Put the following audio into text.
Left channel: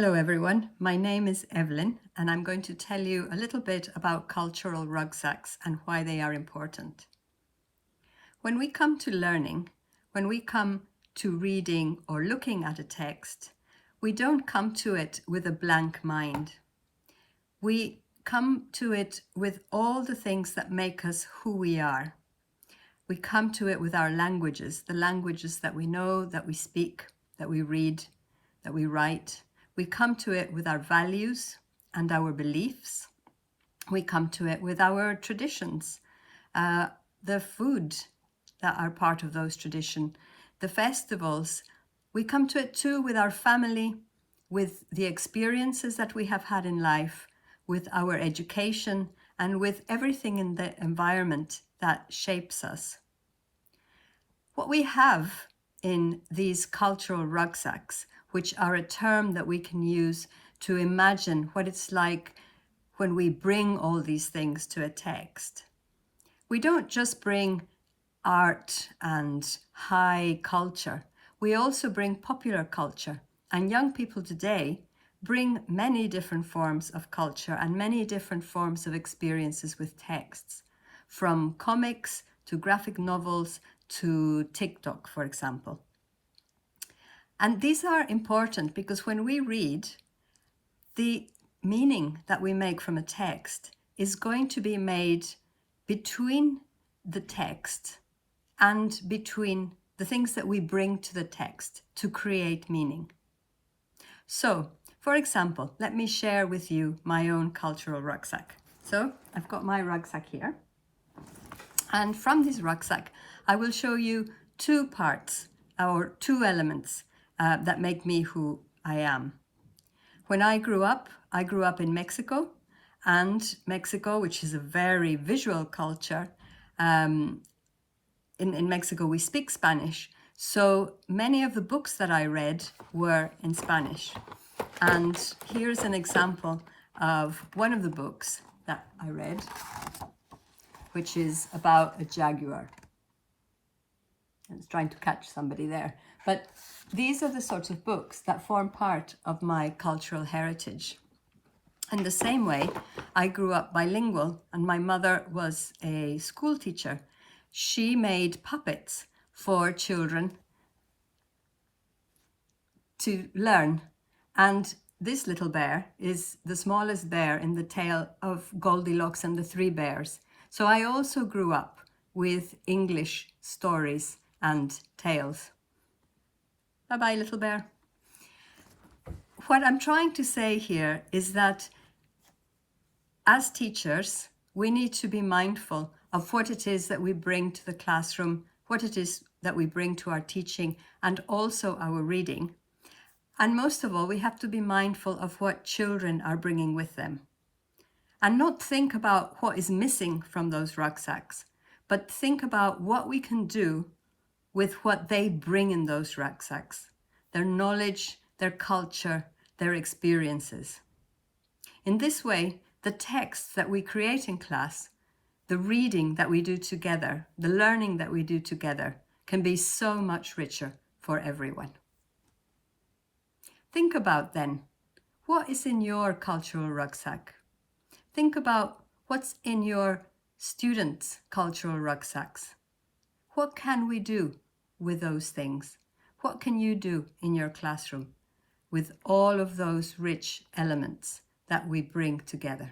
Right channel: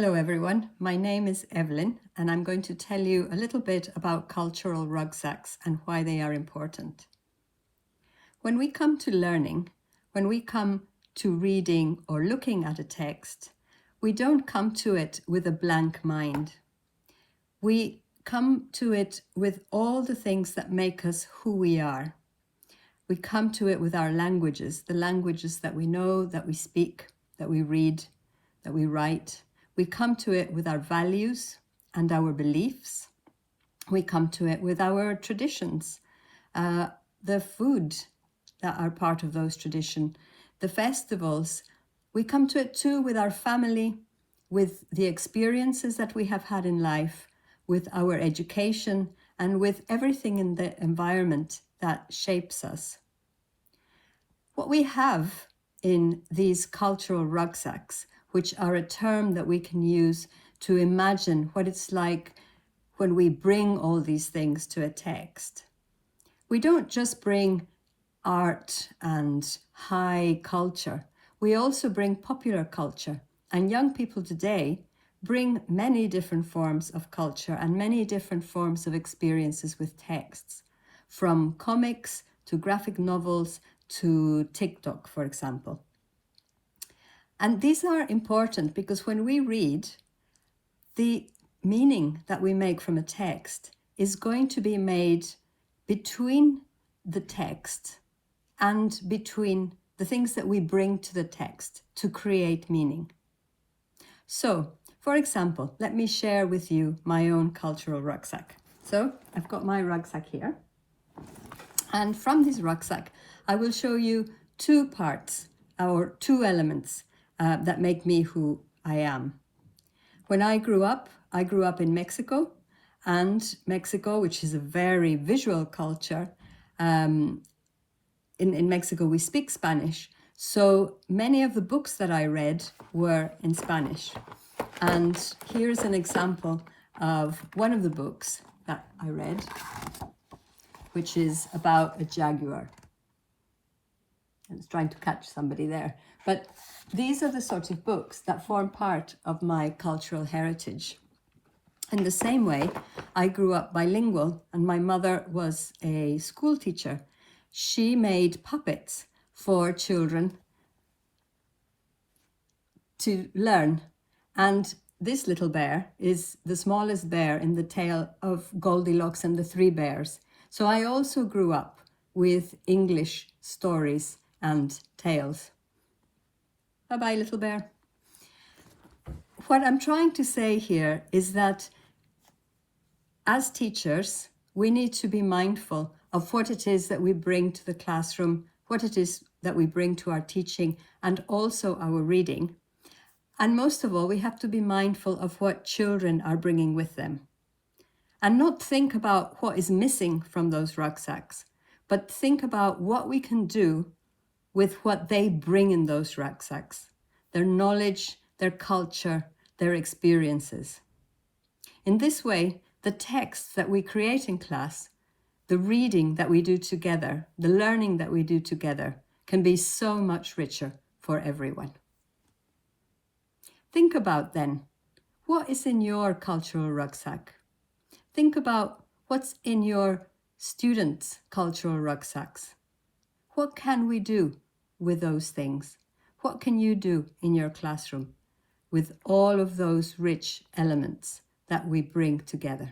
Hello everyone, my name is Evelyn and I'm going to tell you a little bit about cultural rugsacks and why they are important. When we come to learning, when we come to reading or looking at a text, we don't come to it with a blank mind. We come to it with all the things that make us who we are. We come to it with our languages, the languages that we know, that we speak, that we read, that we write. We come to it with our values and our beliefs. We come to it with our traditions, the food that are part of those traditions, the festivals. We come to it too with our family, with the experiences that we have had in life, with our education, and with everything in the environment that shapes us. What we have in these cultural rugsacks, which are a term that we can use to imagine what it's like when we bring all these things to a text. We don't just bring art and high culture, we also bring popular culture. And young people today bring many different forms of culture and many different forms of experiences with texts, from comics to graphic novels to TikTok, for example. And these are important because when we read, the meaning that we make from a text is going to be made between the text and between the things that we bring to the text to create meaning. So, for example, let me share with you my own cultural rucksack. So, I've got my rucksack here. And from this rucksack, I will show you two parts or two elements that make me who I am. When I grew up in Mexico, and Mexico, which is a very visual culture, in Mexico we speak Spanish, so many of the books that I read were in Spanish. And here's an example of one of the books that I read, which is about a jaguar. It's trying to catch somebody there. But these are the sorts of books that form part of my cultural heritage. In the same way, I grew up bilingual and my mother was a school teacher. She made puppets for children to learn. And this little bear is the smallest bear in the tale of Goldilocks and the Three Bears. So I also grew up with English stories and tales. Bye-bye, little bear. What I'm trying to say here is that as teachers, we need to be mindful of what it is that we bring to the classroom, what it is that we bring to our teaching, and also our reading. And most of all, we have to be mindful of what children are bringing with them. And not think about what is missing from those rucksacks, but think about what we can do with what they bring in those rucksacks, their knowledge, their culture, their experiences. In this way, the texts that we create in class, the reading that we do together, the learning that we do together can be so much richer for everyone. Think about then, what is in your cultural rucksack? Think about what's in your students' cultural rucksacks. What can we do with those things? What can you do in your classroom with all of those rich elements that we bring together?